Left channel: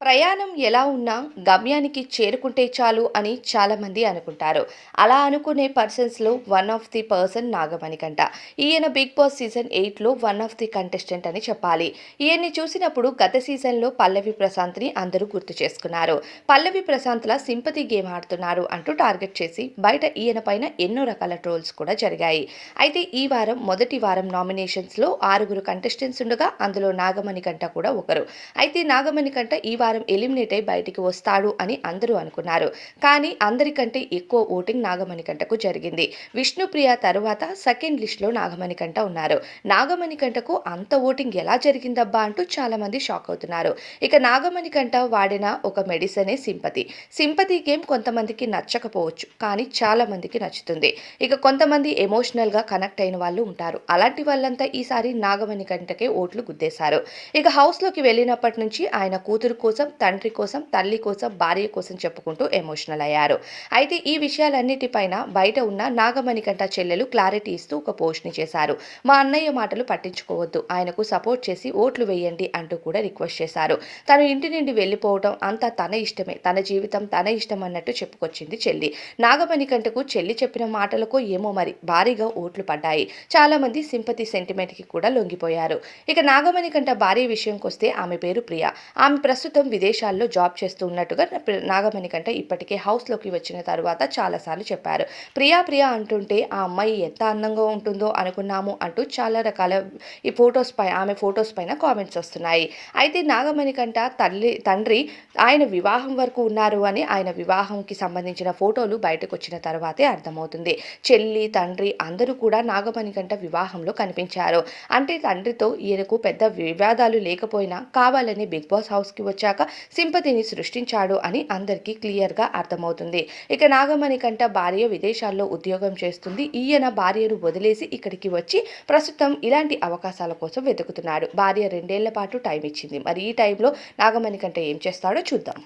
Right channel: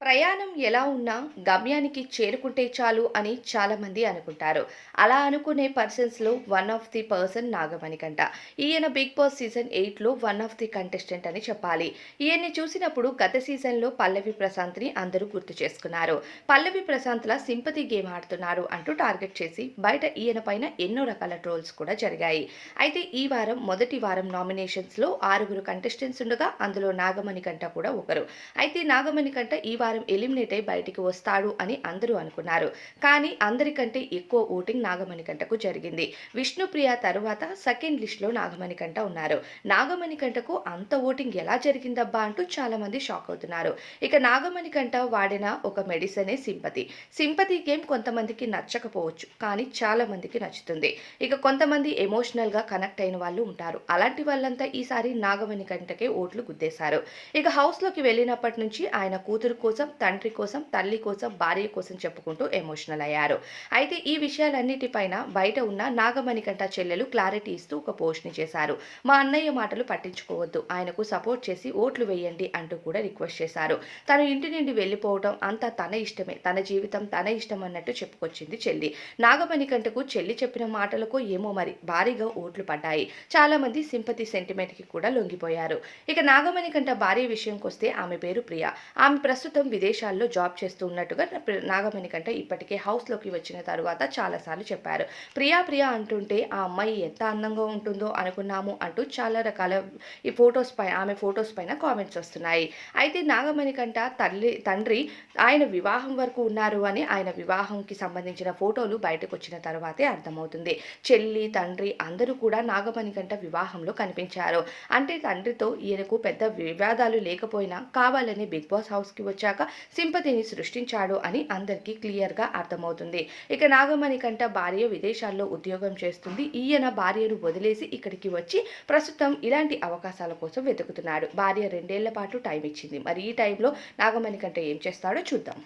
ప్రయాణం ఎలా ఉన్నా గమ్యానికి చేరుకుంటే చాలు అని చాలామంది అనుకుంటారు. అలా అనుకునే పర్సన్స్‌లో one of the person Nagamanikanta. ఈయన 'బిగ్ బాస్' సీజన్ 8లో వన్ ఆఫ్ ది కంటెస్టెంట్ అని చెప్పాలి. ఈయన్ని చూసినప్పుడు గత సీజన్‌లో పల్లవి ప్రశాంత్‌ని అందరూ గుర్తు చేసుకున్నారు. పల్లవి ప్రశాంత్‌ల సింపతి గేమ్ ఆడుతున్నారు అంటూ టార్గెట్ చేసి బయట ఈయన పైన ఎన్నో రకాల ట్రోల్స్ కూడా జరిగాయి. అయితే ఈ వారం మొదటి వారం నామినేషన్స్‌లో 6గురు కంటెస్టెంట్స్ ఉండగా అందులో నాగమణికంట కూడా ఒకరు. అయితే నాగమణికంట ఈ వారం ఎలిమినేట్ అయి బయటికి వస్తాడు అని అందరూ అనుకున్నారు. కానీ అందరికంటే ఎక్కువ ఓటింగ్ నాగమణికంటకు జరిగింది. విష్ణుప్రియ తరువాత సెకండ్ లిస్ట్‌లో నాగమణికంట ఉన్నారు. నాగమణికంటకు అంత ఓటింగ్ ఎలా జరిగిందబ్బా అంటూ చాలామంది షాక్ అవుతున్నారు. ఇక నాగమణికంట వాడిన ఒక మెడిసినే సింపతి. సింపతి గేమ్ కొంతమందికి నచ్చకపోవచ్చు. కానీ చాలా మందికి నచ్చుతుంది. ఇక కొంతమంది ఎమోషనల్‌గా కనెక్ట్ అయిన వాళ్ళు ఉంటారు. అలాంటి వాళ్ళంతా ఈసారి నాగమణికంటకే ఓట్లు గుద్దేశారు. ఇక హౌస్‌లోకి వెళ్ళినప్పటి నుంచి ఆయన కూతురు కోసం, తండ్రి కోసం, తల్లి కోసం, భార్య కోసం చెప్పుకుంటూ ఎమోషనల్ అయ్యారు. అయితే ఈ విషయాలన్నిటిపైన బయట ఉన్న నాగమణికంఠ చెల్లెలు క్లారిటీ ఇస్తూ ఒక పోస్ట్‌ని చేశారు. మా అన్నయ్య మాటలు పట్టించుకోవద్దు. ఆయనకు సపోర్ట్ చేసి ఓట్లు వేయండి అంటూ కూడా రిక్వెస్ట్ చేశారు. తను ఇంటి నుండి వెళ్ళిపోవడం అంతా తన ఇష్టమే. తన జీవితం తన ఇష్టం అన్నట్టు చెప్పుకొచ్చింది చెల్లి. నాగమణికంఠకు చెల్లి చెప్పిన మాటలకో ఏమో మరి భారీగా ఓట్లు పడ్డాయి. చాలామంది సింపతి సెంటిమెంట్‌కి కూడా లొంగిపోయారు. ఇక నాగమణికంఠ భార్య విషయంకొస్తే ఆమె పేరు ప్రియ. ఆమె ప్రస్తుతం విదేశాల్లో జాబ్ చేస్తూ ఉన్నట్టుగా నాగమణికంఠ ఇప్పటికే హౌస్‌లోకి వచ్చిన తరువాత చాలా సార్లు చెప్పారు. ప్రియా ప్రియా అంటుంటే ఆ అమ్మాయి ఎంత అందంగా ఉంటుందో అనుకున్నాము అంటూ చాలా రకాల ఆమె ఫోటోస్ పైన కామెంట్స్ వస్తున్నాయి. అయితే నాగమణికంఠ తండ్రి ఆయన వివాహం వరకు ఉన్నారు అని ఆయన వివాహంకి సంబంధించిన ఫోటోలు బయటకొచ్చిన తర్వాతే అర్థమవుతుంది. చెల్లి, తండ్రి అందరూ కూడా నాగమణికంఠ వివాహంలో కనిపించారు. అంటే తండ్రితో ఈయనకు పెద్ద వివాదాలు లేకపోయినా కావాలని 'బిగ్ బాస్' హౌస్‌కి వచ్చాక సింపతిని సృష్టించాడు అని అందరికీ క్లియర్‌గా అర్థమవుతుంది. ఇక నాగమణికంఠ భార్య విదేశాల్లో ఉద్యోగం చేస్తుంది. ఈయన భార్యను వదిలేసి ఇక్కడికి వచ్చి ప్రస్తుతం ఇలాంటి అవకాశాల కోసం వెతుకుతున్నాడు. భార్య 2 ఏళ్ల పాటు టైం ఇచ్చింది. మరి ఈ టైంలో నాగమణికంఠ ఏం చేస్తాడో చూద్దాం.